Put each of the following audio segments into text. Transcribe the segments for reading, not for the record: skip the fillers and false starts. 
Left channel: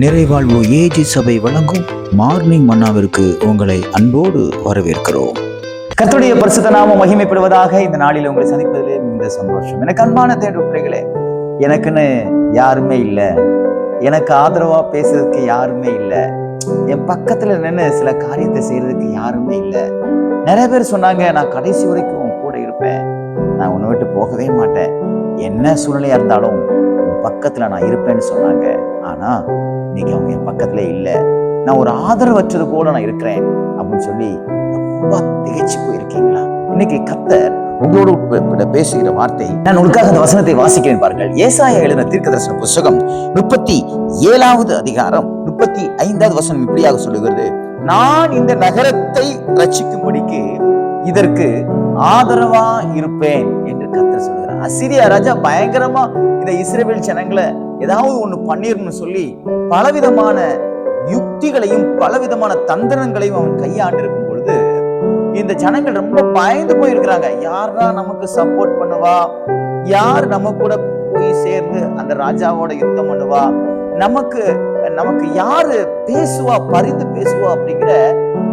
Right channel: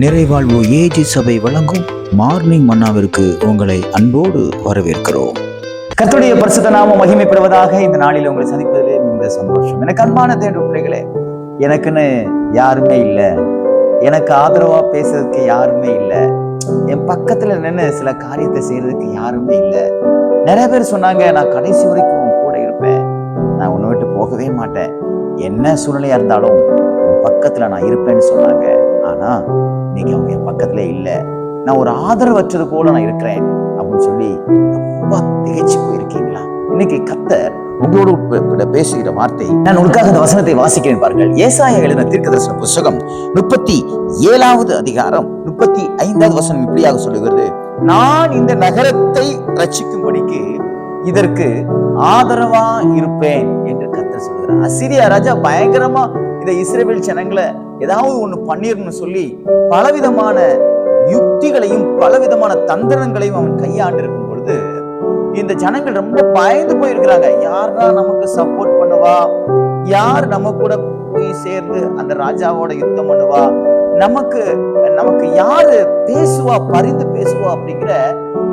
நிறைவாழ்வு AG சபை வழங்கும் morning மன்னாவிற்கு உங்களை அன்போடு வரவேற்கிறோம். கர்த்தருடைய பரிசுத்த நாமம் மகிமைப்படுவதாக. இந்த நாளில் உங்களை சந்திப்பதிலே மிகுந்த சந்தோஷம். எனக்கு அன்பான தேவனுடைய பிள்ளைகளே, எனக்குன்னு யாருமே இல்லை, எனக்கு ஆதரவா பேசுறதுக்கு யாருமே இல்லை, என் பக்கத்துல நின்று சில காரியத்தை செய்யறதுக்கு யாருமே இல்லை. நிறைய பேர் சொன்னாங்க, நான் கடைசி வரைக்கும் உன் கூட இருப்பேன், நான் உன்னை விட்டு போகவே மாட்டேன், என்ன சூழ்நிலையா இருந்தாலும் உன் பக்கத்துல நான் இருப்பேன்னு சொன்னாங்க. ஆனா இன்னைக்கு அவங்க என் பக்கத்துல இல்லை, நான் ஒரு ஆதரவற்றது போல நான் இருக்கிறேன் அப்படின்னு சொல்லி ரொம்ப திகைச்சு போயிருக்கீங்களா? இன்னைக்கு கர்த்தர் உங்களோடு பேசுகிற வார்த்தை, நான் உங்களுக்காக அந்த வசனத்தை வாசிக்கிறேன் பாருங்கள். ஏசாயா எழுதின தீர்க்கதரிசன புத்தகம் 37வது அதிகாரம் 35வது வசனம் இப்படியாக சொல்லுகிறது, நான் இந்த நகரத்தை ரட்சிக்கும்படிக்கு இதற்கு ஆதரவா இருப்பேன் என்று கர்த்தர் சொல்லுகிறார். அசீரியா ராஜா பயங்கரமா இந்த இஸ்ரவேல் ஜனங்களை ஏதாவது ஒண்ணு பண்ணிடணும்னு சொல்லி பலவிதமான யுக்திகளையும் பலவிதமான தந்திரங்களையும் அவன் கையாண்டு இருக்கும் பொழுது இந்த ஜனங்கள் ரொம்ப பயந்து போயிருக்கிறாங்க. யாரா நமக்கு சப்போர்ட் பண்ணுவா, யார் நம்ம கூட போய் சேர்ந்து அந்த ராஜாவோட யுத்தம் பண்ணுவா, நமக்கு யாரு பேசுவா, பரிந்து பேசுவா அப்படிங்கிற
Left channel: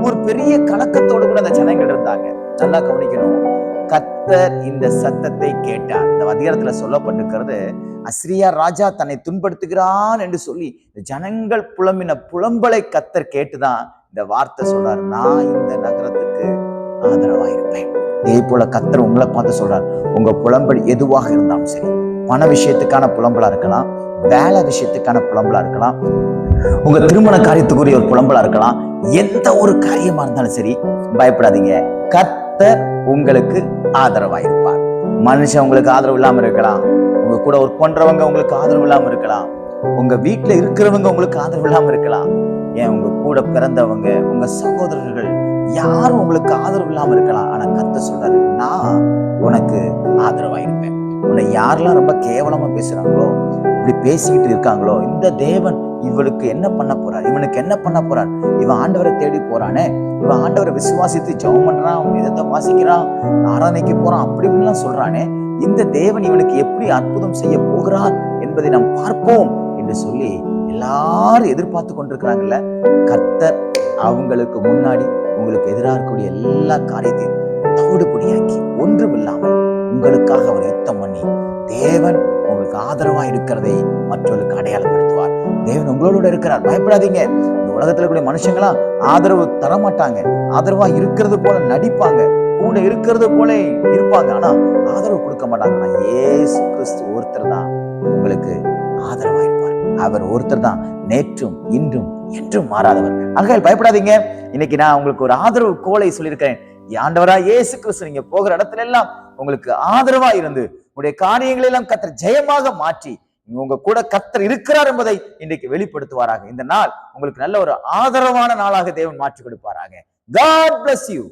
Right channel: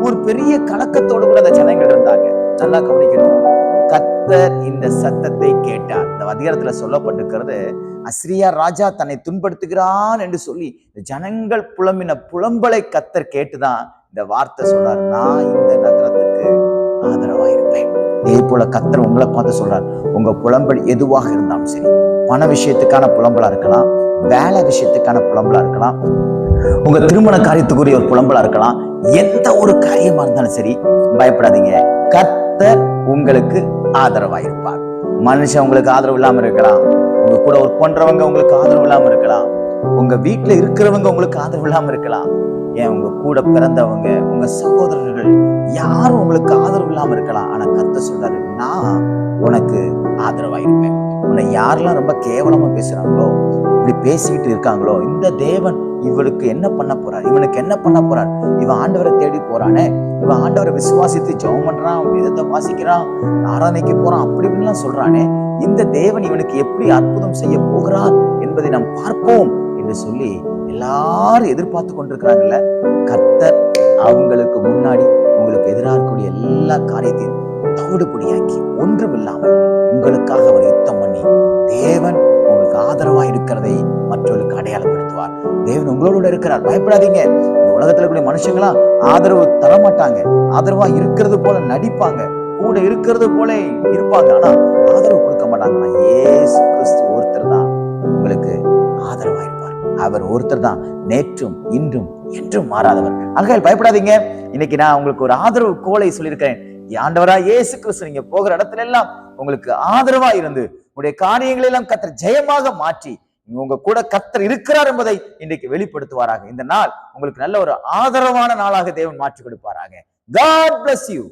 ஒரு பெரிய கலக்கத்தோடு கூட அந்த ஜனங்கள் இருந்தாங்க. நல்லா கவனிக்கணும், கர்த்தர் இந்த சத்தத்தை கேட்டார். இந்த அதிகாரத்துல சொல்லப்பட்டிருக்கிறது, அசிரியா ராஜா தன்னை துன்படுத்துகிறான் என்று சொல்லி இந்த ஜனங்கள் புலம்பின புலம்பலை கர்த்தர் கேட்டுதான் இந்த வார்த்தை சொல்றார், நான் இந்த நகரத்துக்கு ஆதரவா இருப்பேன். இதே போல கர்த்தர் உங்களை பார்த்து சொல்றார், உங்க புலம்பல் எதுவாக இருந்தாலும் சரி, பண விஷயத்துக்கான புலம்பலா இருக்கலாம், வேலை விஷயத்துக்கான புலம்பலா இருக்கலாம், உங்க திருமண காரியத்துக்குரிய ஒரு புலம்பலா இருக்கலாம், எந்த ஒரு காரியமா இருந்தாலும் சரி பயப்படாதீங்க, கர்த்தர் உங்களுக்கு ஆதரவா இருப்பார். மனுஷன் உங்களுக்கு ஆதரவு இல்லாம இருக்கலாம், உங்க கூட ஒர்க் பண்றவங்க உங்களுக்கு ஆதரவு இல்லாம இருக்கலாம், உங்க வீட்டுல இருக்கிறவங்க உங்களுக்கு ஆதரவு இல்லாம இருக்கலாம், ஏன் உங்க கூட பிறந்தவங்க, உங்க சகோதரர்கள் யாரும் உங்களுக்கு ஆதரவு இல்லாம இருக்கலாம். ஆனா கர்த்தர் சொல்றாரு, நான் உனக்கு ஆதரவா இருப்பேன். உன்னை யாரெல்லாம் ரொம்ப கேவலமா பேசுறாங்களோ, இப்படி பேசிக்கிட்டு இருக்காங்களோ, இந்த தேவன் இவனுக்கு என்ன பண்ண போறார், இவனுக்கு என்ன பண்ண போறார், இவன் ஆண்டவரை தேடி போறானே, இவன் ஆண்டவரை விசுவாசித்து ஜெபம் பண்றான், வேதத்தை வாசிக்கிறான், ஆராதனைக்கு போறான், அப்படி இப்படிலாம் சொல்றானே, இந்த தேவன் இவனுக்கு எப்படி அற்புதம் செய்ய போகிறார் என்பதை நாம் பார்ப்போம் என்று சொல்லி எல்லாரும் எதிர்பார்த்து கொண்டிருக்கிறாங்கல்ல. கர்த்தர் அவங்களுக்கு முன்னாடி உங்களுக்கு எதிராக இருக்கக்கூடிய எல்லா காரியத்தையும் தவிடுபடியாக்கி ஒன்றுமில்லாமல் உங்களுக்காக அவர் யுத்தம் பண்ணி தேவன் உங்களுக்கு ஆதரவா இருக்கிறதை மற்றவர்களுக்கு அடையாளப்படுத்துவார். தேவன் உங்களோட இருக்கிறார், பயப்படாதீங்க. இந்த உலகத்துல கூடிய மனுஷங்களா ஆதரவு தர மாட்டாங்க, ஆதரவா இருக்கிறது போல நடிப்பாங்க, கூட இருக்கிறது போல இருப்பாங்க, ஆனா ஆதரவு கொடுக்க மாட்டாங்க. இயேசு கிறிஸ்து ஒருத்தர் தான் உங்களுக்கு ஆதரவா இருப்பார். அவர் ஒருத்தர் தான் நேற்றும் இன்றும் என்றும் மாறாதவர். ஆகையால் பயப்படாதீங்க. இன்னைக்கு நான் உங்களுக்கு ஒரு ஆதரவு கோலை சொல்லியிருக்கிறேன். ஆண்டவரா இயேசு கிறிஸ்து நீங்க போகிற இடத்துல எல்லாம் உங்களுக்கு ஆதரவா இருந்து உங்களுடைய காரியங்களை எல்லாம் கர்த்தர் ஜெயமாக மாற்றி உங்க கூட கர்த்தர் இருக்கிறார் என்பதை இன்றைக்கு வெளிப்படுத்துவாராக. இந்த நாள் உங்களுக்கு நல்ல ஒரு ஆதரவான நாளாக தேவன் மாற்றி கொடுப்பாராக. God bless you.